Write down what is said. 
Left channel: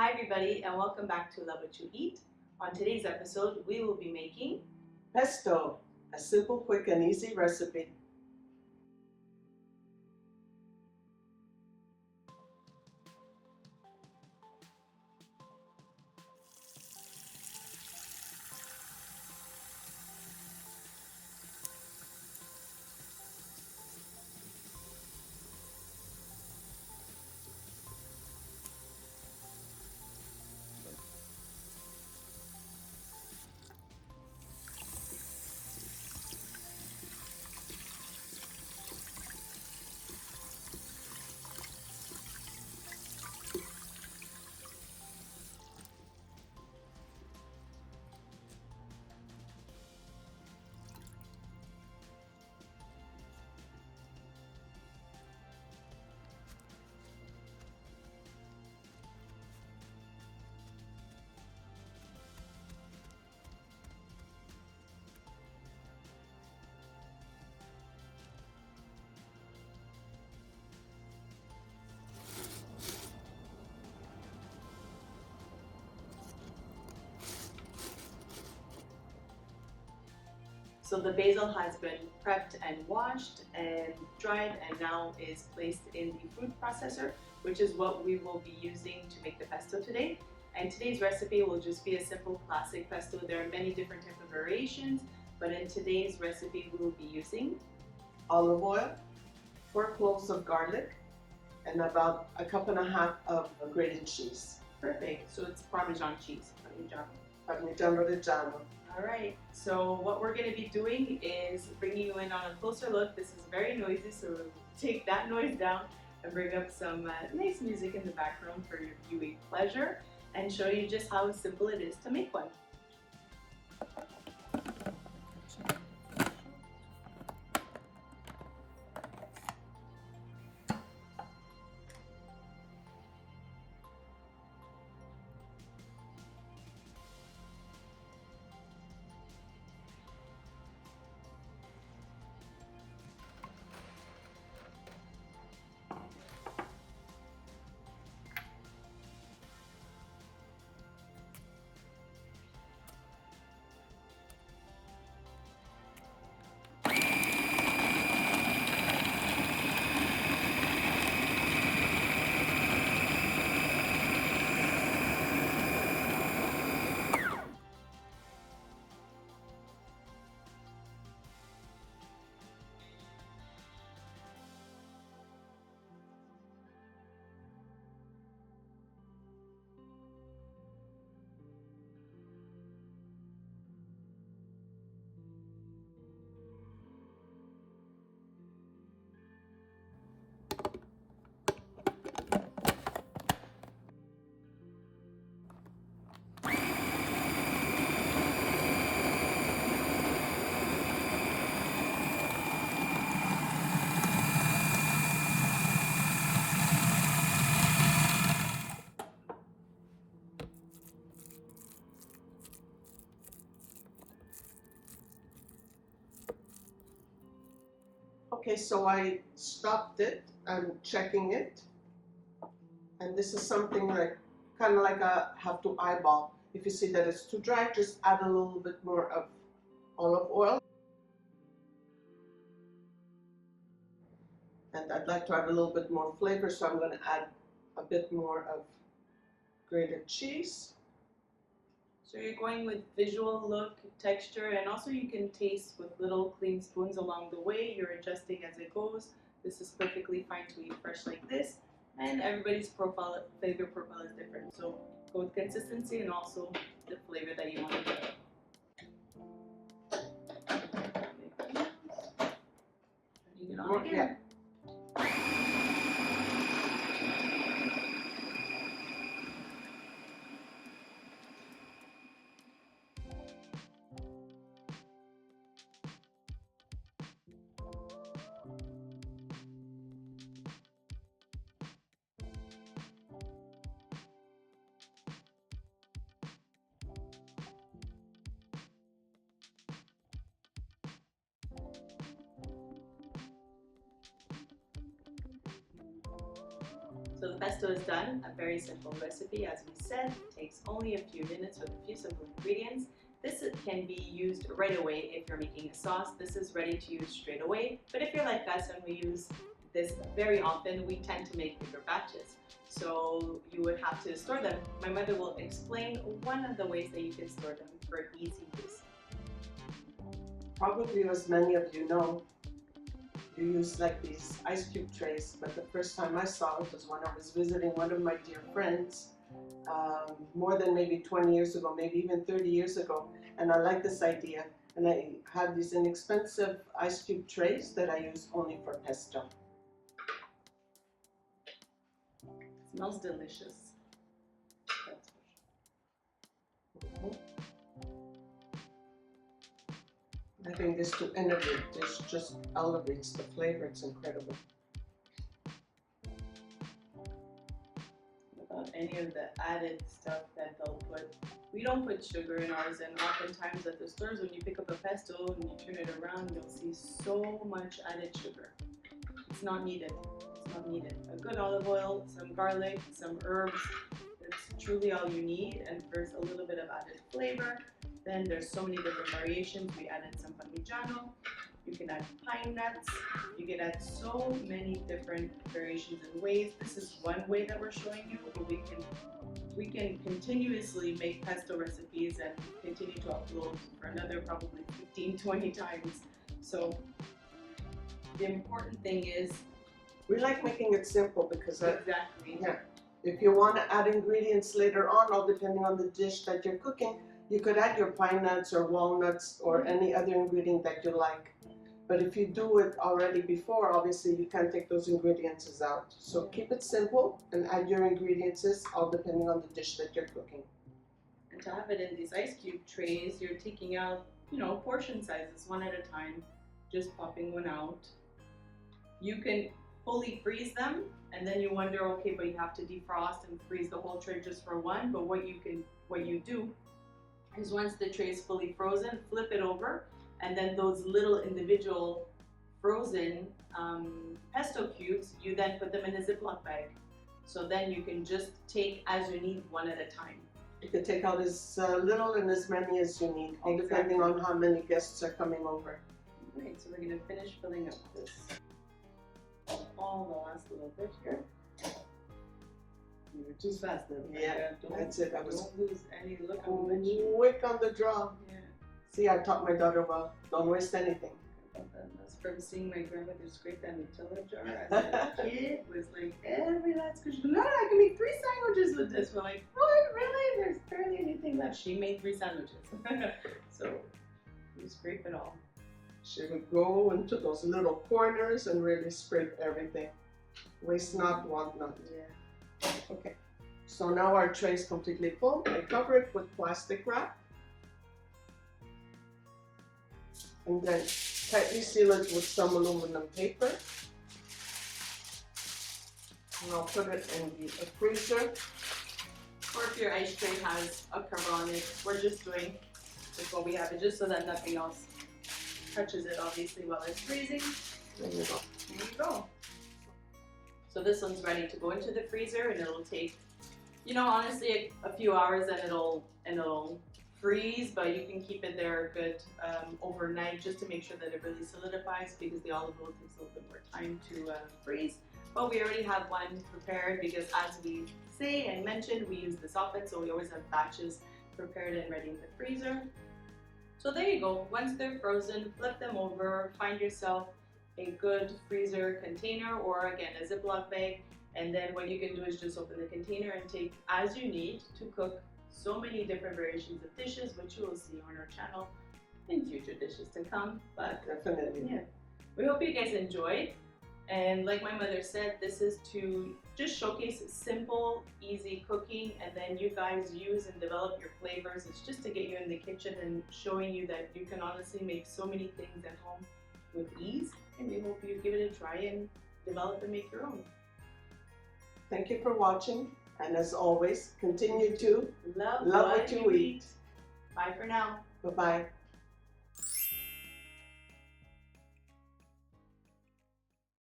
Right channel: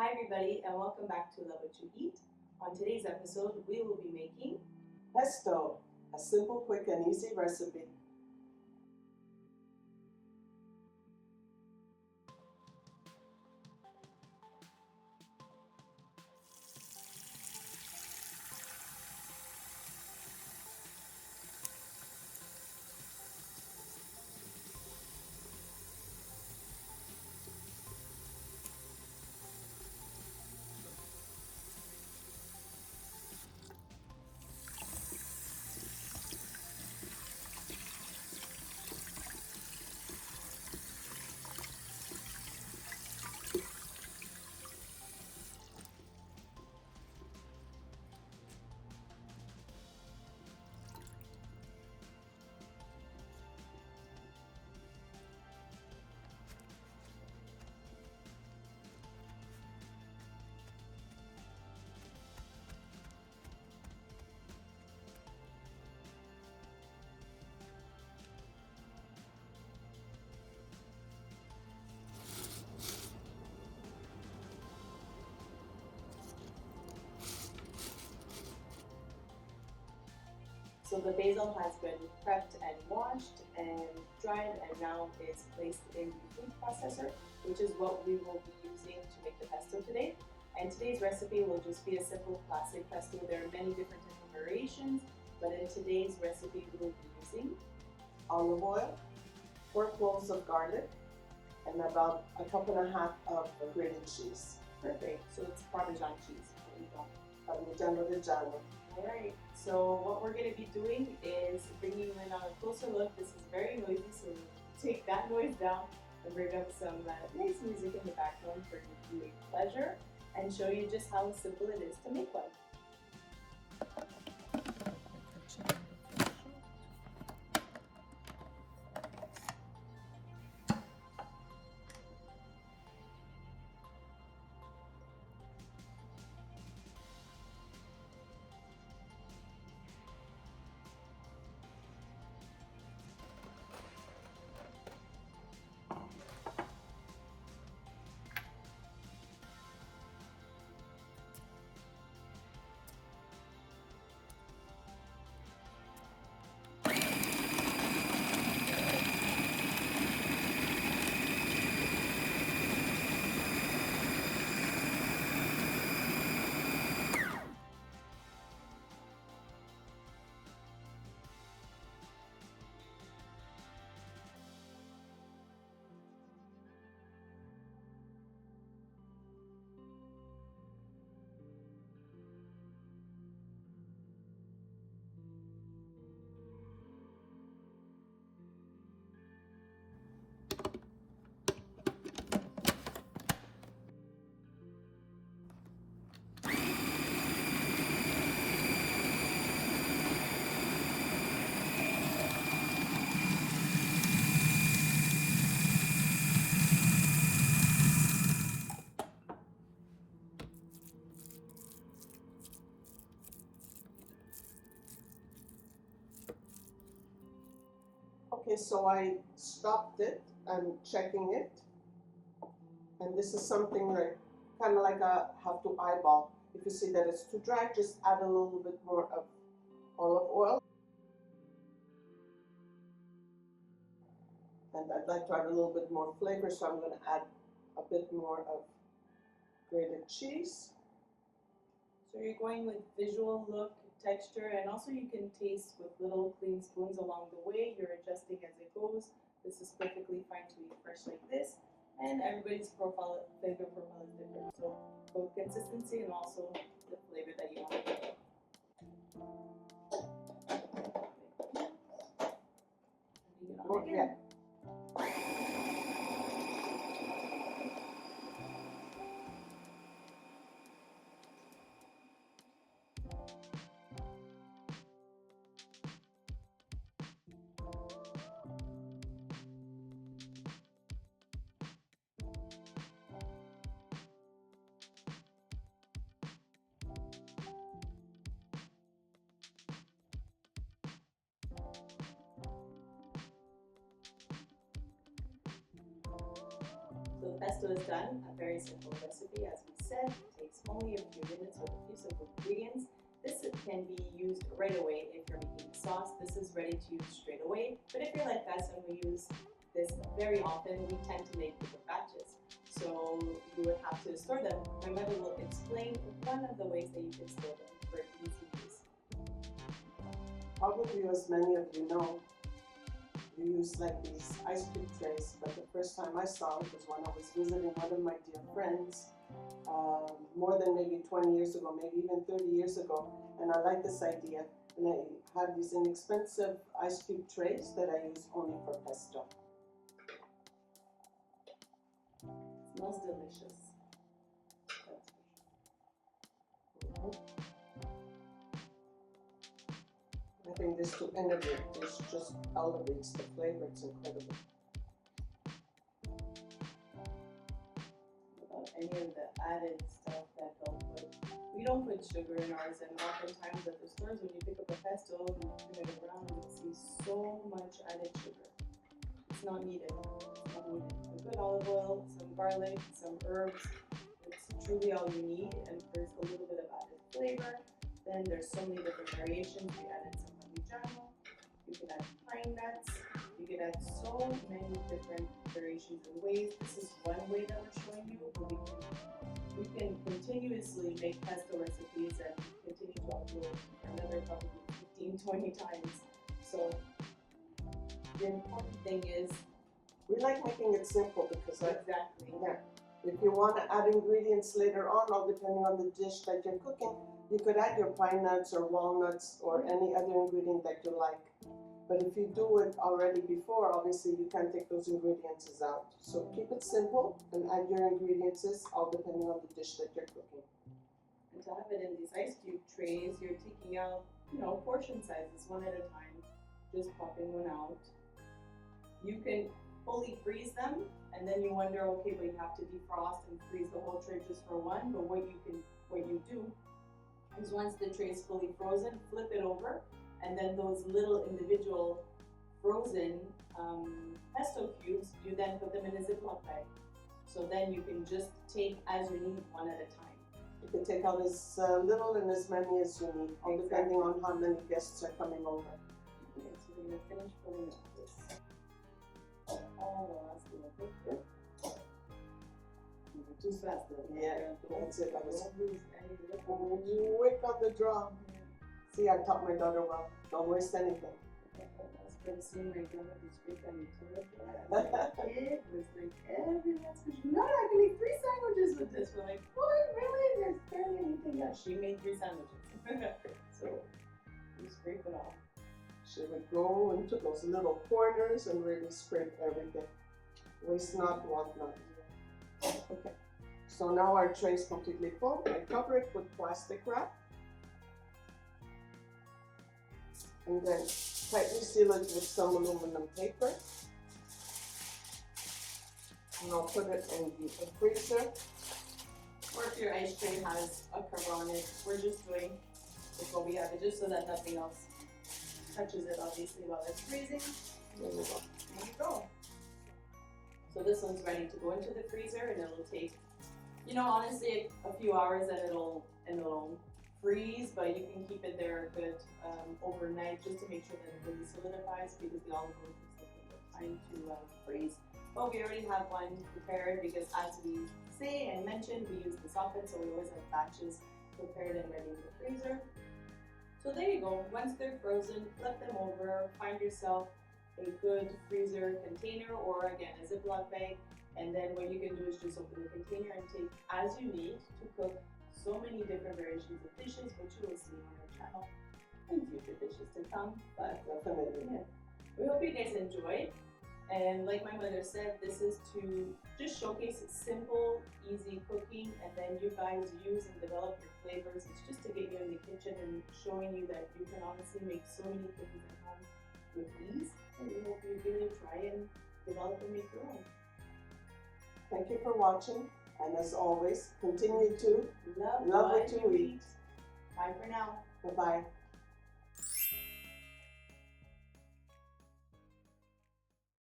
Hi everybody and welcome back to Love What You Eat. On today's episode we will be making Pesto, a simple, quick and easy recipe. So the basil has been prepped and washed and dried and now is placed in the food processor, which is what we will be using to make the pesto today. And today's recipe will just be a simple classic pesto. There are many different types of variations, but in today's recipe we will be using Olive oil, 4 cloves of garlic, and about a cup and a half of grated cheese. Perfect. So it's Parmesan cheese. Parmigano Reggiano. Alright, so what we're going to be doing is bringing you in on a closer look. This is very noisy, so take that noise down and bring up some nice music in the background for your viewing pleasure and show you just how simple it is to make one. Okay, so I stopped it. I'm checking it. And this is something like, kind of like I have to eyeball. If you see that it's too dry, just add a little bit more of olive oil. And I'd like to add a little bit more flavor, so I'm going to add a bit more of grated cheese. So you're going with visual look, texture, and also you can taste with little clean spoons along the way. You're adjusting as it goes. This is perfectly fine to eat fresh like this. And everybody's flavor profile is different. So go with consistency and also the flavor that you want to get. Putting it on again. So the pesto is done, a very simple recipe. As we said, it takes only a few minutes with a few simple ingredients. This can be used right away if you're making a sauce. This is ready to use straight away. But if you're like us and we use this very often, we tend to make bigger batches. So you would have to store them. My mother will explain one of the ways that you can store them for easy use. Probably as many of you know, you use like these ice cube trays, but the first time I saw it was when I was visiting one of my dear friends, more than maybe 20 years ago, maybe even 30 years ago, and I like this idea. And I have these inexpensive ice cube trays that I use only for pesto. It smells delicious. That's for sure. Having this to innovate, this just elevates the flavor. It's incredible. Without any of the added stuff that they'll put. We don't put sugar in ours, and oftentimes at the stores when you pick up a pesto and you turn it around, you'll see so much added sugar. It's not needed. It's not needed. A good olive oil, some garlic, some herbs. That's truly all you need, and first a little bit of added flavor. Then there's so many different variations. We added some Parmigano. You can add pine nuts. You can add so many different variations and ways. This is one way that we're showing you, but we can continuously make pesto recipes and continue to upload for another probably 15-20 times. So the important thing is we like making it simple because exactly. Yeah, if you want to add ingredients later on, all depending on the dish that you're cooking, you could add your pine nuts or walnuts or any other ingredient that you like. But if you do it already before, obviously you can't take those ingredients out. So keep it simple and add your ingredients, all depending on the dish that you're cooking. And to have it in these ice cube trays, you're taking out, portion sizes one at a time, just popping one out. You can fully freeze them, and then you wonder, okay, but you have to defrost and freeze the whole tray just for one. But what you do is once the tray is fully frozen, flip it over, and then those little individual frozen pesto cubes, you then put them in a Ziploc bag. So then you can just take as you need one at a time. You can take out as little and as many as you need, all depending on how many guests are coming over. Okay, so we're going to finish filling up this. All the last little bit here. You were too fast though. Yeah, that's it. I was don't lose any look. quick on the draw. Yeah. See, I taught my daughter well. Don't waste anything. That's from seeing my grandmother scrape that Nutella jar as a kid. Was like every last because no, I can make 3 sandwiches with this. We're like, what? Really? There's barely anything left. She made 3 sandwiches. So we scrape it all. She would go into those little corners and really scrape everything. Waste not, want not. Yeah. Okay. So now our tray is completely full. I cover it with plastic wrap. And then tightly seal it with some aluminum paper. And I'll put it in the freezer. Or if your ice tray has a cover on it, we're just doing with what we have, it just so that nothing else touches it, obviously, while it's freezing. There you go. There you go. So this one's ready to go into the freezer, and it'll take, honestly, a few hours, and it'll freeze. But you can keep it there good overnight, just to make sure that it really solidifies, because the olive oil takes a little bit more time to freeze. But we already have one prepared, because as we say and mentioned, we use this often, so we always have batches prepared and ready in the freezer. So there you go. Once they're frozen, flip them over, find yourself a good freezer container, or again a Ziploc bag, and then what you can do is just open the container and take as you need to cook so many different variations of dishes, which you will see on our channel in future dishes to come. But Definitely. yeah, we hope you guys enjoyed. And like my mother said, this is to just showcase simple, easy cooking, and then you guys use and develop your flavors. It's just to get you in the kitchen and showing you that you can honestly make so many things at home with ease. And we hope you give it a try and develop and make your own. Thank you for watching, and as always, continue to Love what you eat. Bye for now. Bye-bye.